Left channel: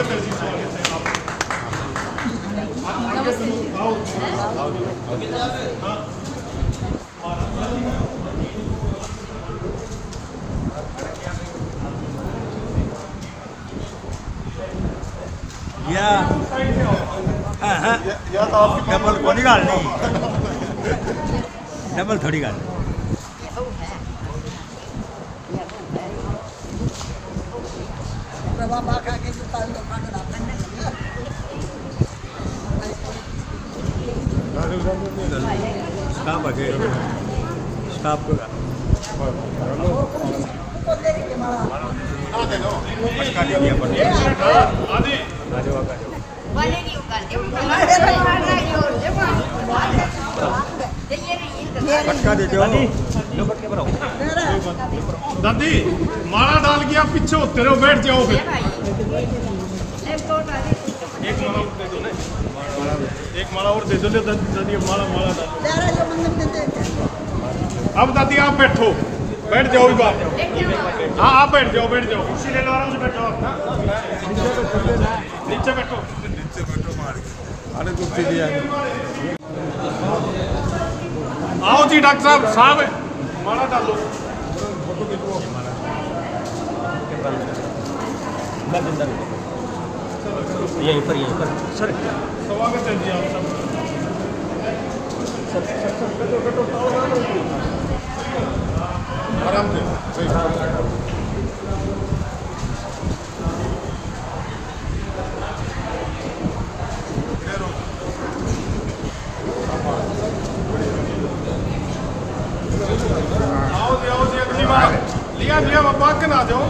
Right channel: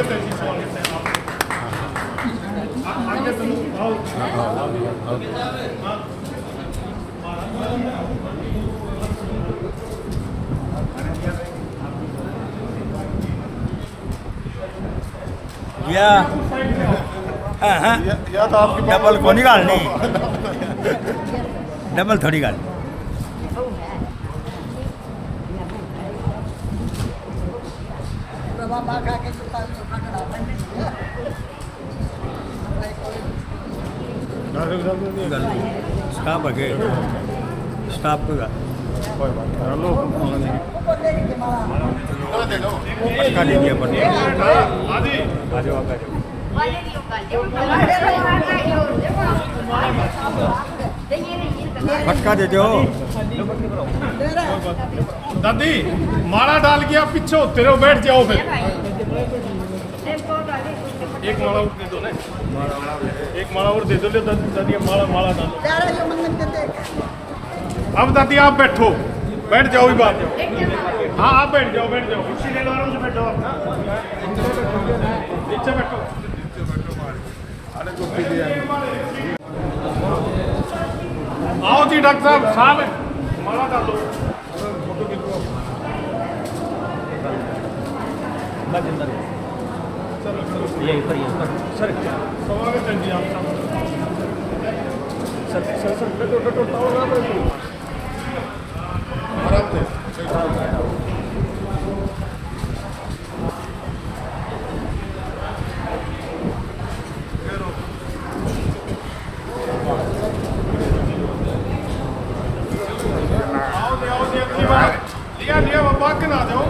स्वागत है जी, स्वागत है आप आगे सुनो आओ। या डबल कोनी गाल नहीं, डबल थोड़ी गाल स्टाफ है स्टाफ को पटका दे दो दादी। माला डाल के आप पीछे होते रहो, बैठ जाओ फिर। एक माला और दे दो दादी, माला डालो। अब दादी आप बैठो, बैठ जाओ इस बार। हाँ आप बैठ जाओ, बैठ जाओ, कुर्सी ले लो, आराम से बैठो। नीचे बैठो, आओ जी डॉक्टर साहब माला डालो। सर स्वागत है जी आप सब। सर आराम से लिया बाबा के ना जाओ।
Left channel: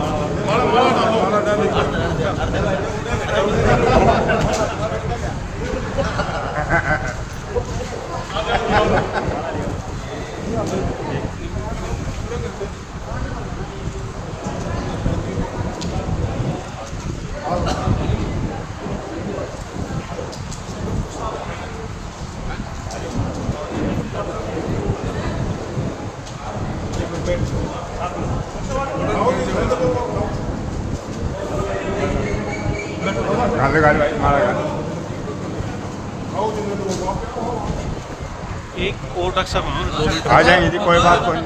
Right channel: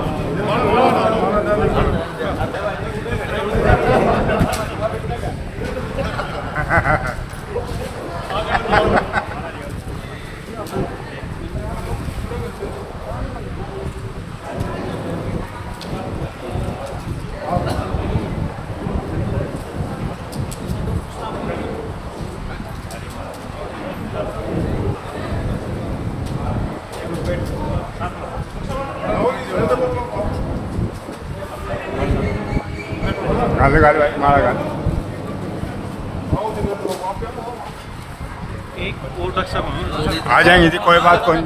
एक ओटक सब आ जाएंगे जी, कोई बात कोई।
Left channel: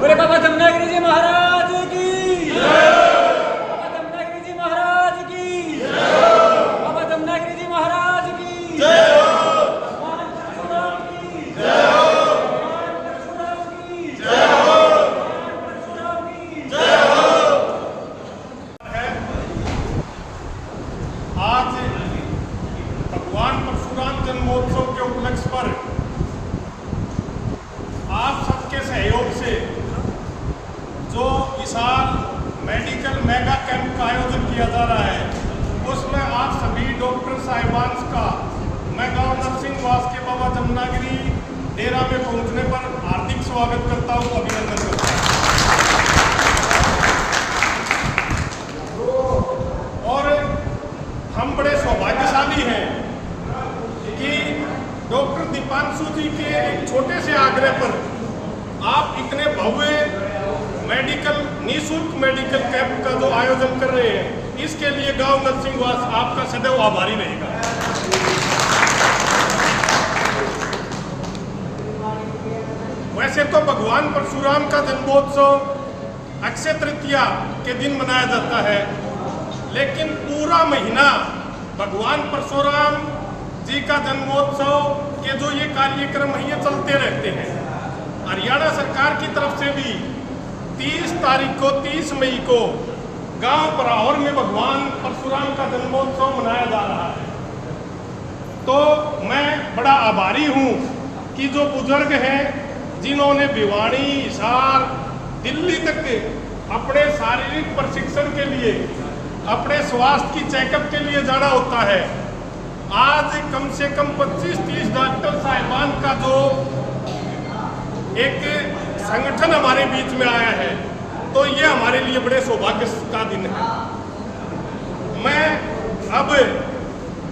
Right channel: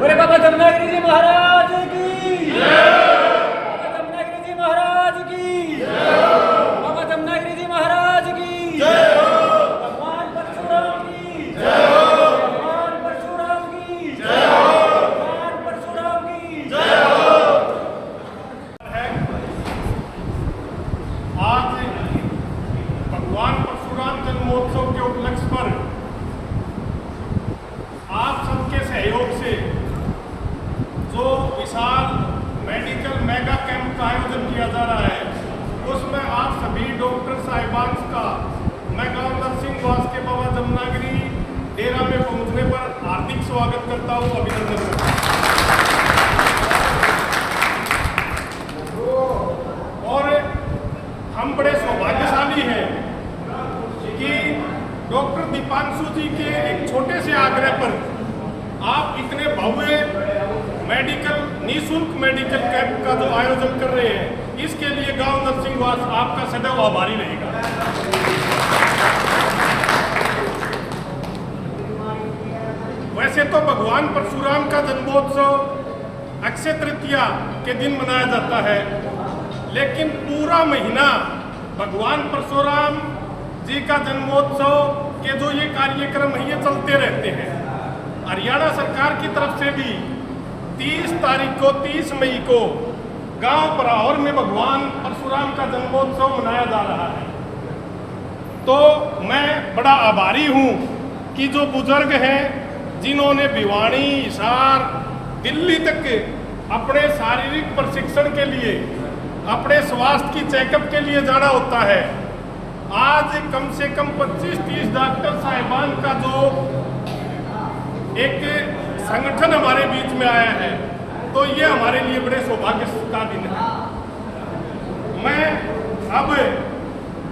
बोले बाबा जमनागिरी जी महाराज की बाबा जमनागिरी जी महाराज की बाबा जमनागिरी जी महाराज की भगवान परशुराम की भगवान परशुराम की भगवान परशुराम की। मेगा कैंप का आयोजन किया जा रहा है, उसमें आप सभी डॉक्टर साहिबान का मैं गांव नरसिंहवास के बाबा जमुनागिरी डेरा में पहुंचने पर हार्दिक स्वागत करता हूं, अभिनंदन करता हूं। और हम बड़े सौभाग्यशाली हैं कि डॉक्टर दीपांशु जी के एक छोटे से आग्रह पर आप इतने भव्य निःशुल्क मेडिकल कैंप का जो आयोजन कर रहे हैं, इसके लिए गांव नरसिंहवास आपका सदैव आभारी रहेगा। वैसे तो भगवान परशुराम का जन्मोत्सव अक्षय तृतीया के दिन मनाया जाता है, लेकिन पूरा महीना भगवान परशुराम जी का जन्मोत्सव के जो ये कार्यक्रम है ये चलते रहते हैं। हरियाणा सरकार की तरफ से भी 30 मई को गांव पराहौर में भगवान परशुराम का जन्मोत्सव मनाया जा रहा है। तो मैं बड़ा आभारी हूं कि जो बुजुर्ग हैं जिन्होंने भिवानी, हिसार, दिल्ली तक अपने शारीरिक प्रशिक्षण के लिए, अपने स्वास्थ्य की चेकअप के लिए जाना होता है, आज कम से कम 25-30 डॉक्टर साहिबान का जो एक संगठन हमारे बीच में आया है, तो ये हमारे लिए बड़े सौभाग्य का दिन है। मैं अब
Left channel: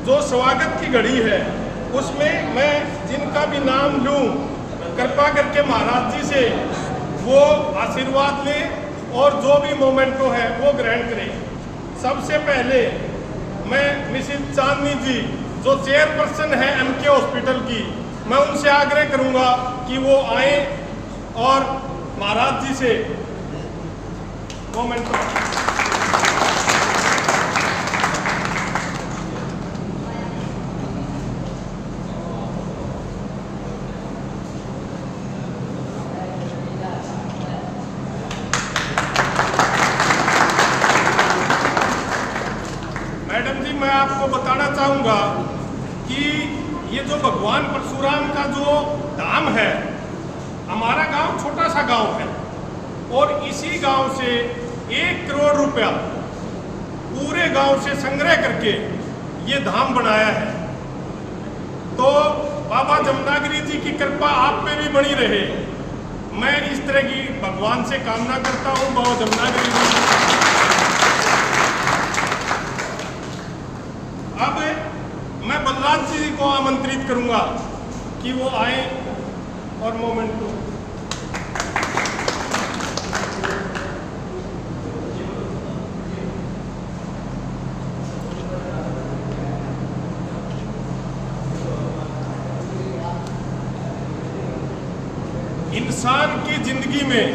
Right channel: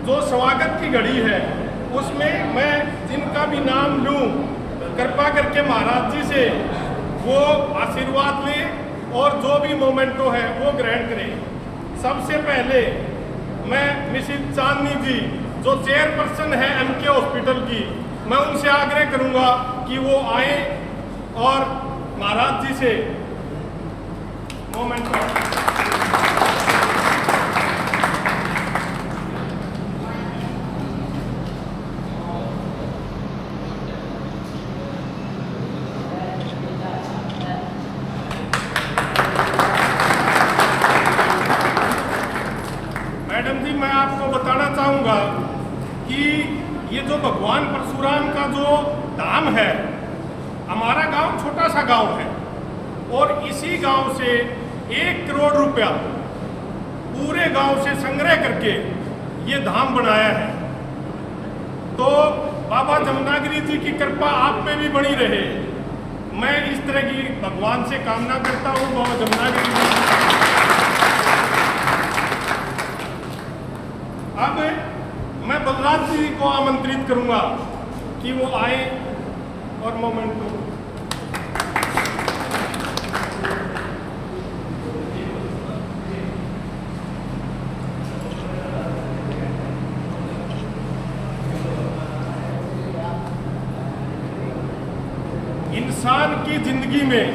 जो स्वागत की घड़ी है उसमें मैं जिनका भी नाम लूं, कृपा करके महाराज जी से वो आशीर्वाद लें और जो भी मोमेंटो है वो ग्रहण करें। सबसे पहले मैं मिसेस चांदनी जी जो चेयरपर्सन है एमके हॉस्पिटल की, मैं उनसे आग्रह करूंगा कि वो आए और महाराज जी से मोमेंटो। मैडम जी, मैं आपको बताना चाहूंगा कि ये जो भगवान परशुराम का जो धाम है, हमारा गांव छोटा सा गांव है और इसी गांव से 1 करोड़ रुपया पूरे गांव से संग्रह करके ये धाम बनाया है। तो बाबा जमुनागिरी जी की कृपा आप पे भी बनी रहे, मैं इस तरह की भगवान से कामना करता हूँ। बाबा जमुनागिरी जी अब मैं बलराज जी को आमंत्रित करूंगा कि वो आए और मोमेंटो। इंसान की जिंदगी में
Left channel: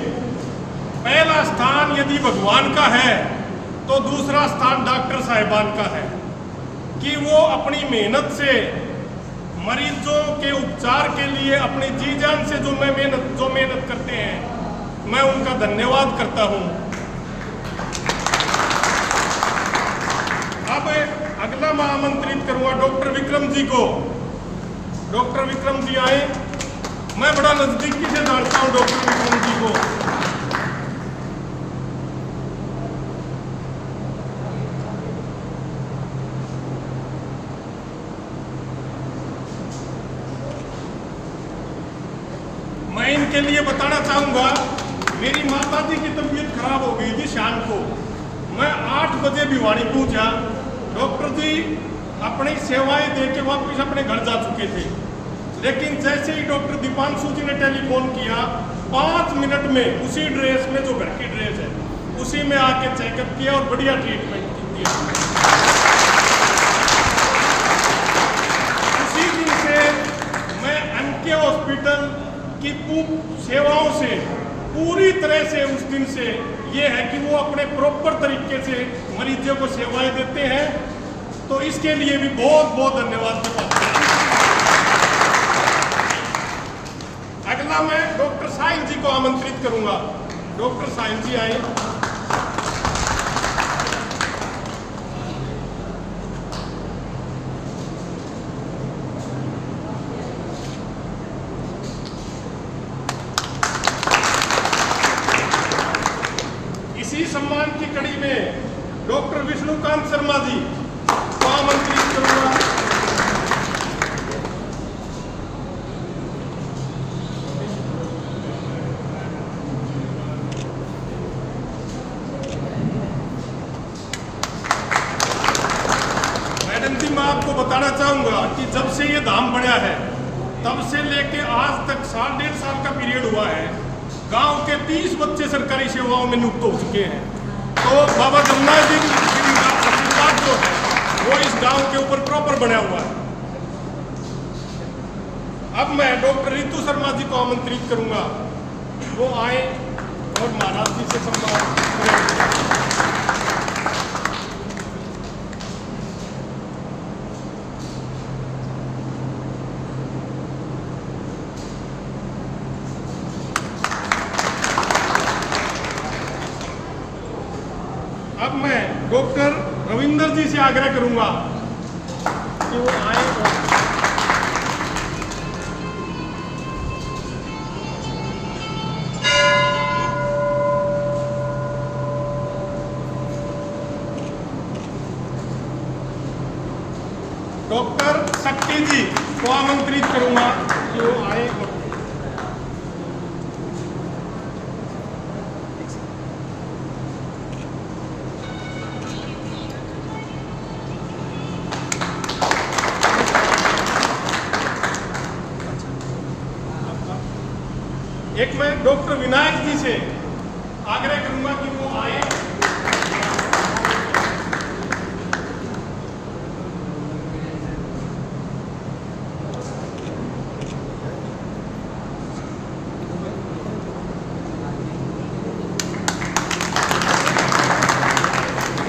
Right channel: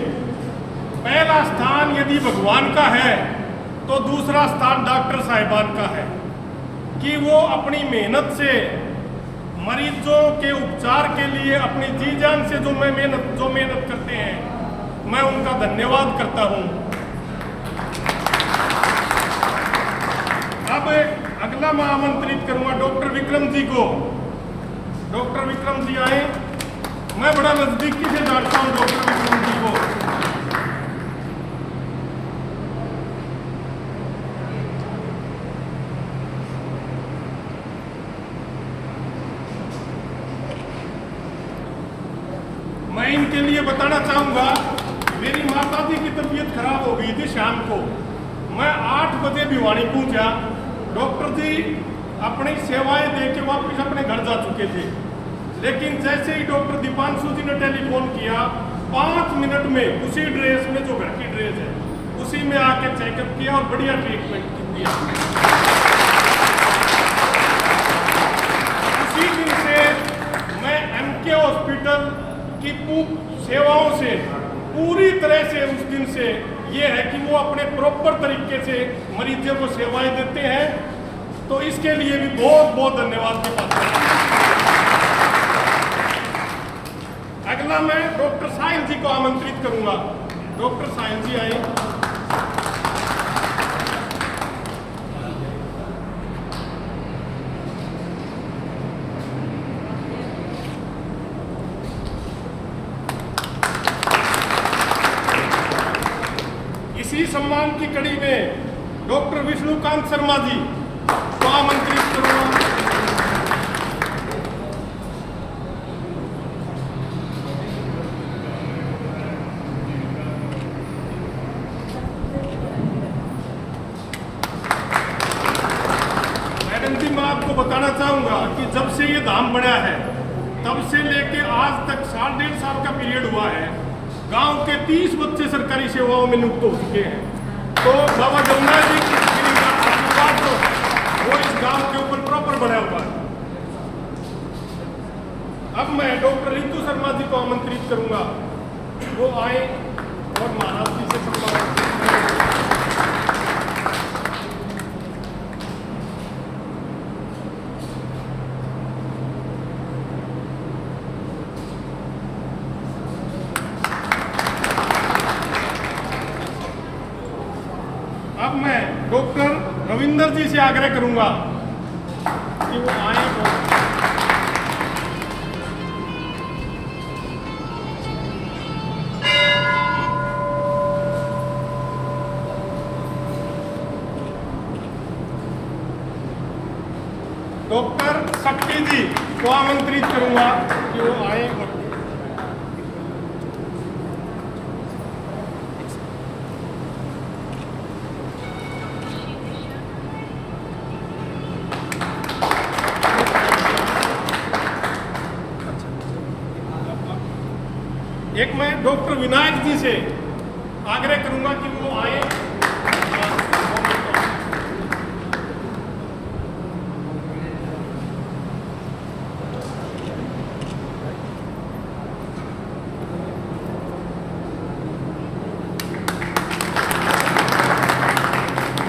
पहला स्थान यदि भगवान का है तो दूसरा स्थान डॉक्टर साहिबान का है कि वो अपनी मेहनत से मरीजों के उपचार के लिए अपनी जी जान से जो मेहनत करते हैं, मैं उनका धन्यवाद करता हूं। अब अगला मैं आमंत्रित करूंगा डॉक्टर विक्रम जी को। डॉक्टर विक्रम जी आए, मैं बड़ा नजदीकी से जानता हूं डॉक्टर विक्रम जी को। मैं इनके लिए बताना चाहूंगा, मेरी माता जी की तबीयत खराब हो गई थी शाम को, मैं 8 बजे भिवानी पहुंचा। डॉक्टर जी अपनी सेवाएं देके वापस अपने घर जा चुके थे, लेकिन जैसे ही डॉक्टर दीपांशु जी ने टेलीफोन किया, 5 मिनट में उसी ड्रेस में जो घर की ड्रेस है उसी में आके चेकअप किया और बढ़िया ट्रीटमेंट दिया। उसी दिन से मैं एमके हॉस्पिटल की सेवाओं से पूरी तरह से उस दिन से ये है कि वो अपने प्रॉपर तरीके से मरीजों को सेवाएं देते हैं, तो इसके लिए भी बहुत बहुत धन्यवाद के पात्र हैं। अगला मैं डॉक्टर साहिल जी को आमंत्रित करूंगा। डॉक्टर साहिल जी आए। इसी सम्मान की कड़ी में डॉक्टर विष्णुकांत शर्मा जी को आमंत्रित करूंगा। मैडम जी, मैं आपको बताना चाहूंगा कि जब से ये धाम बना है तब से लेके आज तक 1.5 साल का पीरियड हुआ है। गांव के 30 बच्चे सरकारी सेवाओं में नियुक्त हो चुके हैं। तो बाबा जगन्नाथ जी की आशीर्वाद जो है वो इस गांव के ऊपर प्रॉपर बना हुआ है। अब मैं डॉक्टर रितु शर्मा जी को आमंत्रित करूंगा, वो आए और महाराज जी से सम्मान करें। अब मैं डॉक्टर रविंदर जी से आग्रह करूंगा कि वो आए और डॉक्टर शक्ति जी को आमंत्रित करूंगा कि वो आए और एक मैं डॉक्टर विनायक जी से आग्रह करूंगा कि वो आए।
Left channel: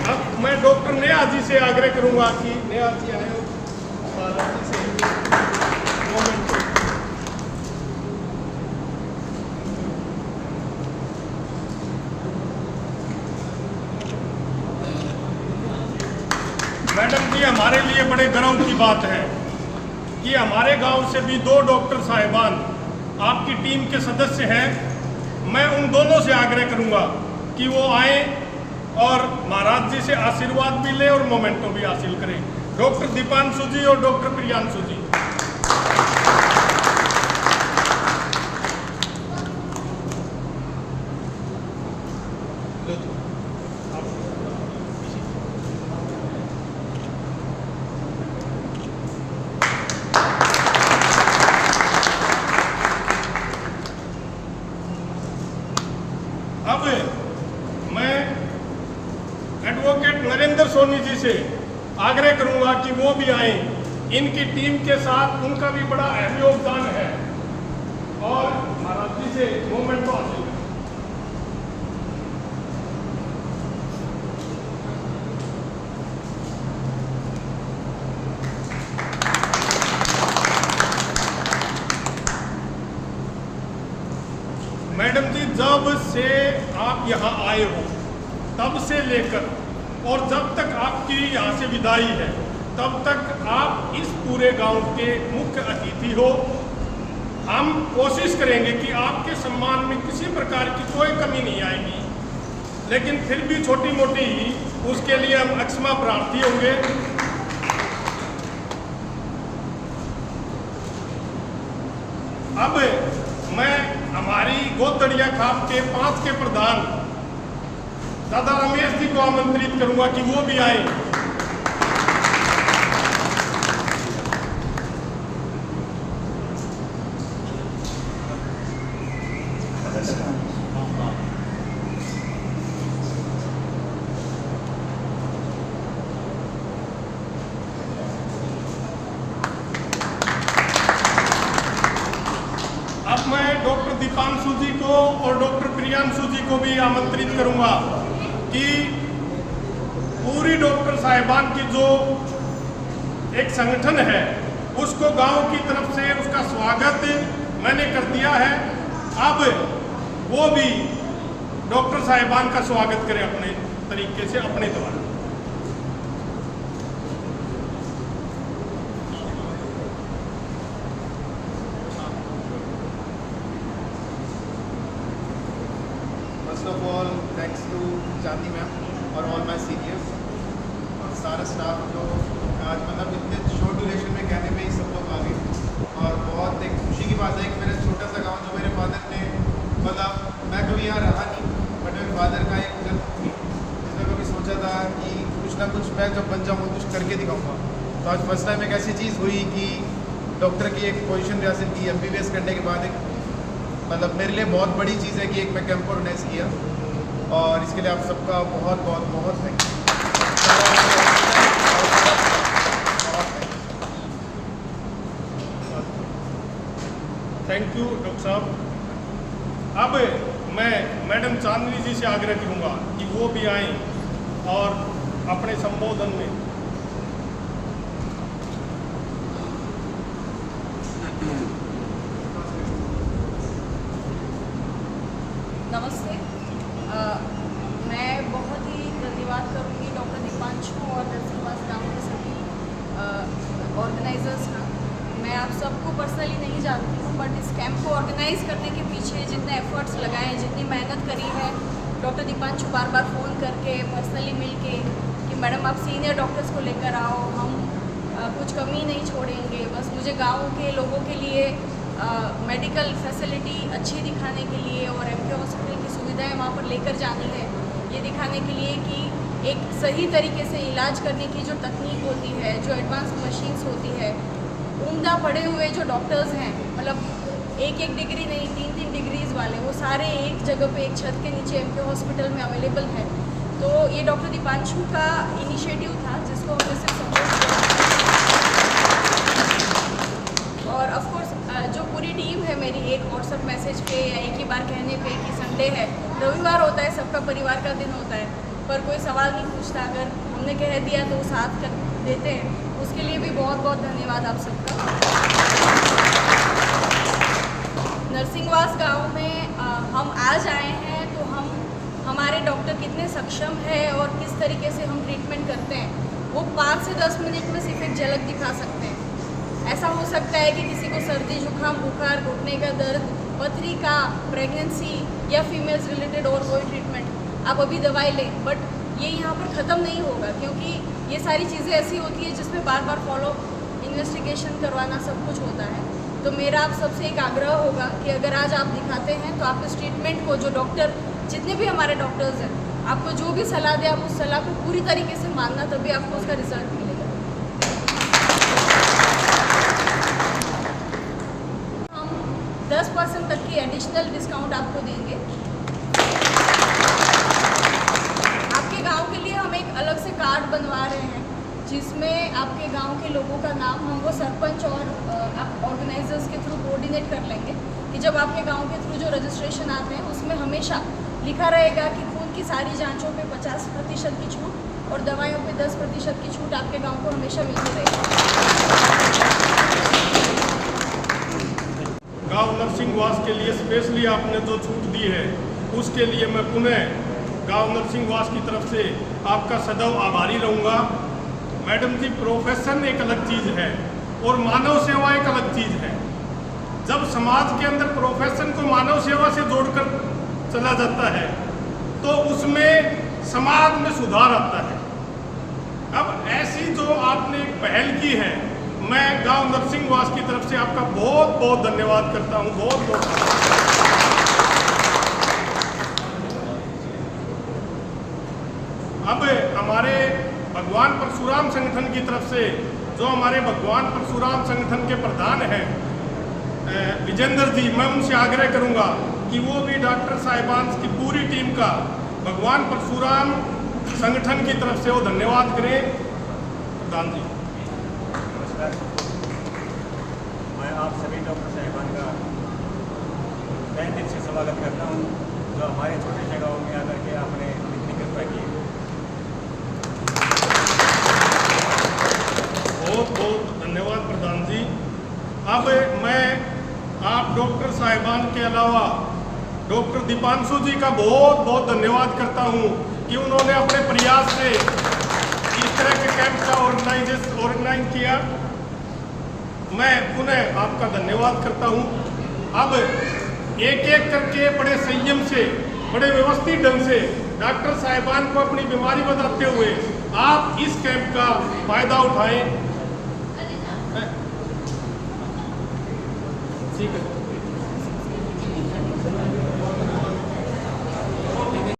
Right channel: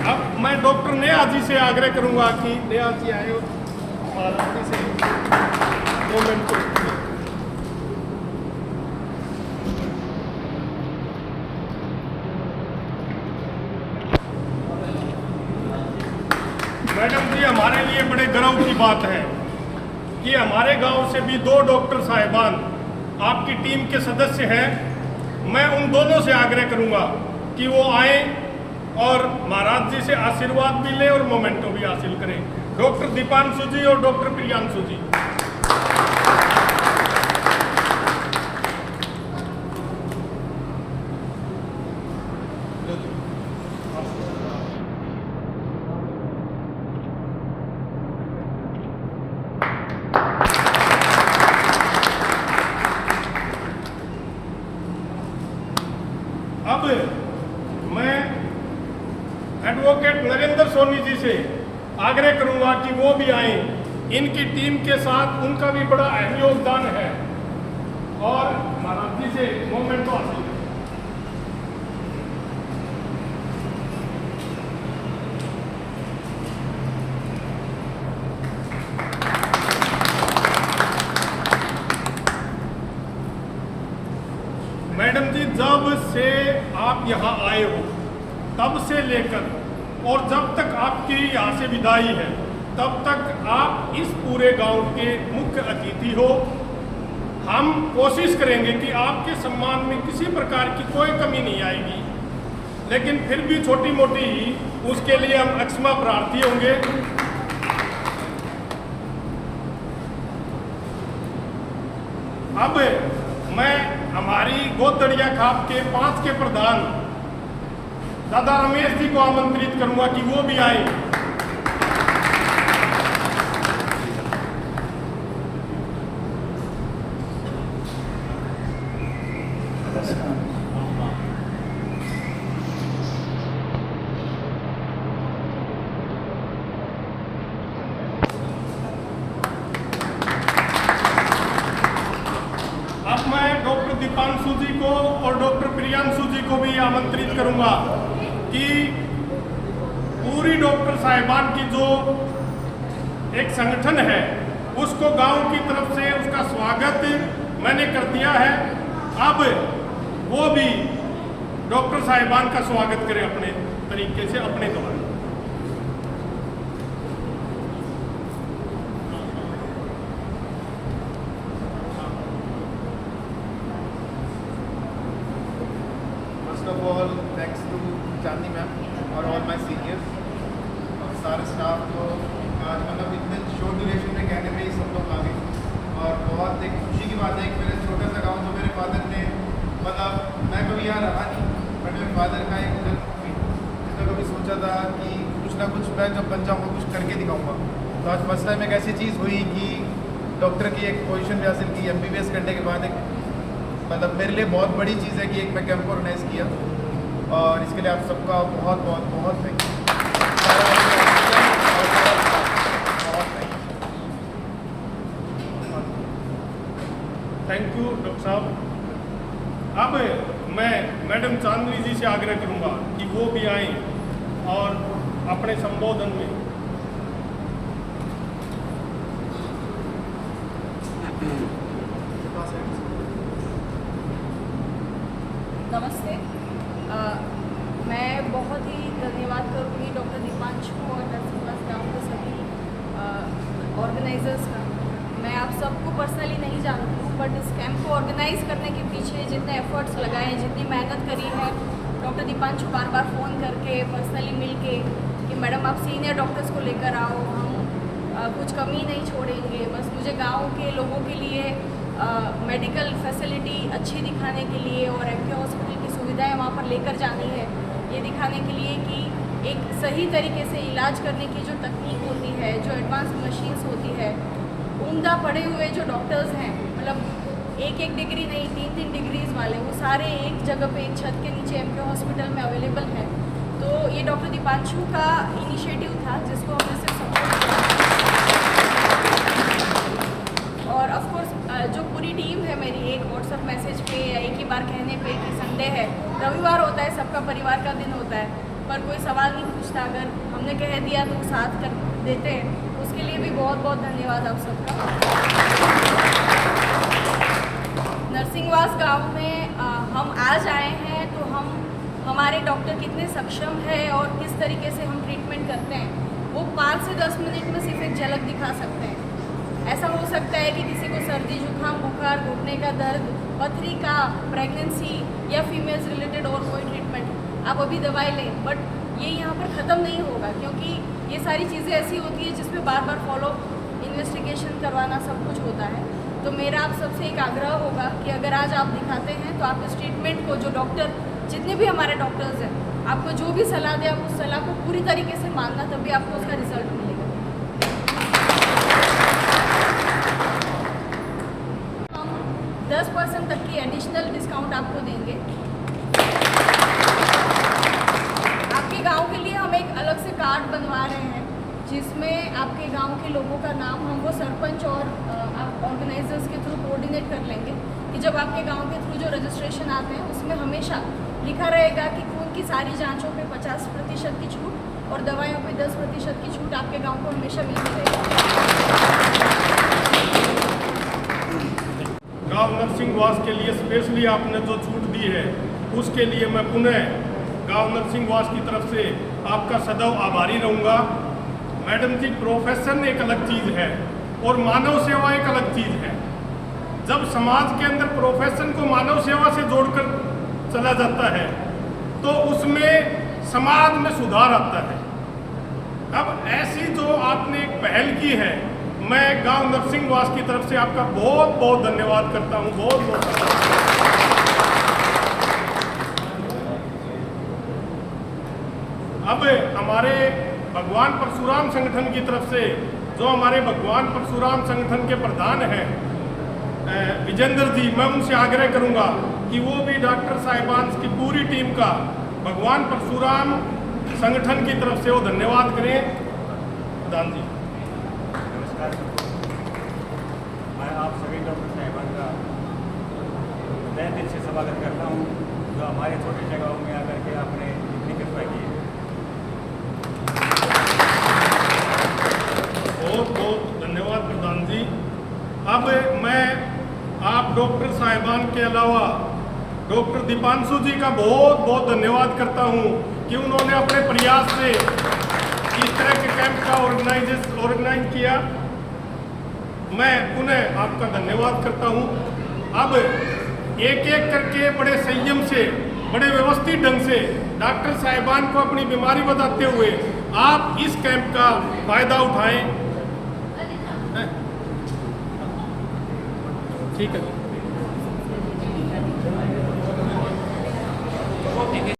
अब मैं डॉक्टर नेहा जी से आग्रह करूंगा कि नेहा जी आए और जी से मूवमेंट को। मैडम जी, हमारे लिए बड़े गर्व की बात है कि हमारे गांव से भी 2 डॉक्टर साहिबान आपकी टीम के सदस्य हैं। मैं उन दोनों से आग्रह करूंगा कि वो आए और महाराज जी से आशीर्वाद भी लें और मोमेंटो भी हासिल करें। डॉक्टर दीपांशु जी और डॉक्टर प्रियांशु जी। अब मैं एडवोकेट नरेंद्र सोनी जी से आग्रह करूंगा कि वो भी आए। इनकी टीम के साथ उनका भी बड़ा अहम योगदान है और महाराज जी से मोमेंट को हासिल करें। मैडम जी, जब से आप यहाँ आए हो तब से लेकर और जब तक आपकी यहाँ से विदाई है तब तक आप इस पूरे गांव के मुख्य अतिथि हो। हम कोशिश करेंगे कि आपके सम्मान में किसी प्रकार की कोई कमी नहीं आएगी, लेकिन फिर भी छोटी मोटी ही उसके लिए हम अक्षमा प्रार्थी होंगे। अब मैं हमारी गोदड़िया खाप के 5 के प्रधान दादा रमेश जी को आमंत्रित करूंगा कि वो भी आए। अब मैं डॉक्टर दीपांशु जी को और डॉक्टर प्रियांशु जी को भी आमंत्रित करूंगा कि पूरी डॉक्टर साहिबान की जो एक संगठन है उसको गांव की तरफ से उसका स्वागत मैंने कर दिया है। अब वो भी डॉक्टर साहिबान का स्वागत करें अपने तरीके से, अपने द्वारा। First of all thanks to Chandni ma'am और ऑल माय सीनियर्स और सारे स्टाफ जो आज मतलब इतने शॉर्ट ड्यूरेशन में कहने में ही सब लोग आ गए। और बहुत एक खुशी की बात है कि मेरे छोटा सा गांव जो मेरे फादर ने मतलब मैं कभी यहाँ रहा नहीं, बट मेरे फादर का एक जन्म हुई जिसमें कभी सोचा था कि कुछ ना कुछ मैं जब बन जाऊँगा कुछ करके दिखाऊँगा। तो आज फर्स्ट टाइम एक ऐसी चीज़ हुई कि डॉक्टर की एक पोजीशन भी हासिल की, MBBS करने के बाद एक मतलब मेरे लिए बहुत बड़ी चीज़ है कि एक मैं कैंप ऑर्गेनाइज किया और इसके लिए आप सबका बहुत बहुत बहुत थैंक यू। बहुत थैंक थैंक यू डॉक्टर साहब। अब मैं मैडम चांदनी जी से आग्रह करूंगा कि वो भी आएं और अपने संबोधन में नमस्ते। मैं बहुत ही धन्यवाद करूँगी डॉक्टर दीपांशु और नरसिंहवास गांव के सभी ऑर्गेनाइजर्स का। मैं आप सबको पर्सनली नहीं जानती हूँ, बट इस कैंप को ऑर्गेनाइज करने के पीछे जितने एफर्ट्स लगाए हैं, जितनी मेहनत करी है, डॉक्टर दीपांशु बार बार फ़ोन करके पर्सनली मिल के कि मैडम आप सीनियर डॉक्टर्स को लेकर आओ, हम कुछ कमी नहीं छोड़ेंगे, बस मुझे गाँव के लोगों के लिए मेडिकल फैसिलिटी अच्छी दिखाने के लिए और MK हॉस्पिटल की सुविधाएं वहाँ पर लेकर जानी है, ये दिखाने के लिए कि एक सही तरीके से इलाज करने की जो तकनीक होती है, जो एडवांस मशीन्स होती है, उम्दा पढ़े हुए जो डॉक्टर्स हैं, मतलब एक डिग्री नहीं 3 डिग्रीज वाले, वो सारे एक जगह पे एक छत के नीचे MK हॉस्पिटल में अवेलेबल है। तो ये डॉक्टर दीपांशु का इनिशिएटिव था जिसको हमने सिर्फ सपोर्ट किया। और ऑफ कोर्स जो पूरी टीम है मेरी, एक व्हाट्सएप मैसेज पे या एक ही बार कहने पे कि संडे है, रविवार होता है, सबका परिवार का दिन होता है, पर कोई सवाल नहीं पूछता, अगर हमने कह दिया तो साथ कर देते हैं, उसके लिए भी बहुत बहुत धन्यवाद आप सबका। नरसिंहवास गांव में हम आज आए हैं तो हमारे डॉक्टर कितने सक्षम है और किस तरीके से हम ट्रीटमेंट करते हैं, वो 5 से 10 मिनट में सिर्फ एक झलक दिखा सकते हैं। ऐसा हो सकता है कि किसी को सर्दी जुकाम बुखार घुटने का दर्द, पथरी का, प्रेगनेंसी या फीमेल्स रिलेटेड और कोई ट्रीटमेंट आप अभी दवाई लें, बट ये यहाँ पर ख़त्म नहीं होगा, क्योंकि ये सारी चीज़ें ऐसी होती है जिसमें बार बार फॉलो इन्वेस्टिगेशन करवाना सब कुछ होता है। तो मेरा आप सबसे एक आग्रह होगा कि अगर आज आप दिखाते हैं तो आप इस ट्रीटमेंट को, जो डॉक्टर जितने भी हमारे डॉक्टर्स हैं, आपको जो भी सलाह दें, आप उस सलाह को पूरी तरीके से मानना, तभी आपको उसका रिजल्ट मिलेगा। हम 10% तक की एडिशनल डिस्काउंट आपको देंगे। आपके गांव के लिए हम एक अलग से कार्ड बनवा रहे हैं जिसमें आपके गांव के लोगों का नाम हम वो सरपंच और आप ऑर्गेनाइजर्स के थ्रू कोऑर्डिनेट कर लेंगे कि जब आपके गांव के थ्रू जो रजिस्ट्रेशन आते हैं उसमें हमेशा लिखा रहेगा कि खून की सारी जांचों पे 50% की छूट और दवाइयों पे 10% की छूट आपके गांव को हमेशा मिलती रहेगी। गांव नरसिंहवास के लिए स्पेशली आपने जो छूट दी है उसके लिए मैं पुनः गांव नरसिंहवास की तरफ से आपका सदैव आभारी रहूँगा। मैडम जी, प्रोफेशन एक अलग चीज़ है और मानव सेवा एक अलग चीज़ है। जब समाज के अंदर प्रोफेशन को मानव सेवा से जोड़कर चला जाता है तो उसमें समाज में सुधार आता है। अब ऐसी जो आपने एक पहल की है, मैं गांव नरसिंहवास की तरफ से आपका बहुत बहुत धन्यवाद करता हूं। बहुत बहुत आभार। अब हमारे भगवान परशुराम संगठन की तरफ से, जो हमारे भगवान परशुराम संगठन के प्रधान हैं विजेंद्र जी, मैं उनसे आग्रह करूंगा कि वो भी डॉक्टर साहिबान की पूरी टीम का भगवान परशुराम संगठन की तरफ से वो धन्यवाद करें। प्रधान जी, मैं आप सभी डॉक्टर साहिबान का तहे दिल से स्वागत करता हूं, जो हमारे छोटे जगहों में आकर के आपने इतनी कृपा की है। बहुत बहुत धन्यवाद प्रधान जी। अब मैं आप डॉक्टर साहिबान के अलावा डॉक्टर दीपांशु जी का बहुत बहुत धन्यवाद करता हूं कि उन्होंने अपने प्रयास से इस तरह के कैंप का ऑर्गेनाइज किया। मैं पुनः आपका धन्यवाद करता हूं। अब एक एक करके बड़े संयम से बड़े व्यवस्थित ढंग से डॉक्टर साहिबान को अपनी बीमारी बताते हुए आप इस कैंप का फायदा उठाएं। ठीक है।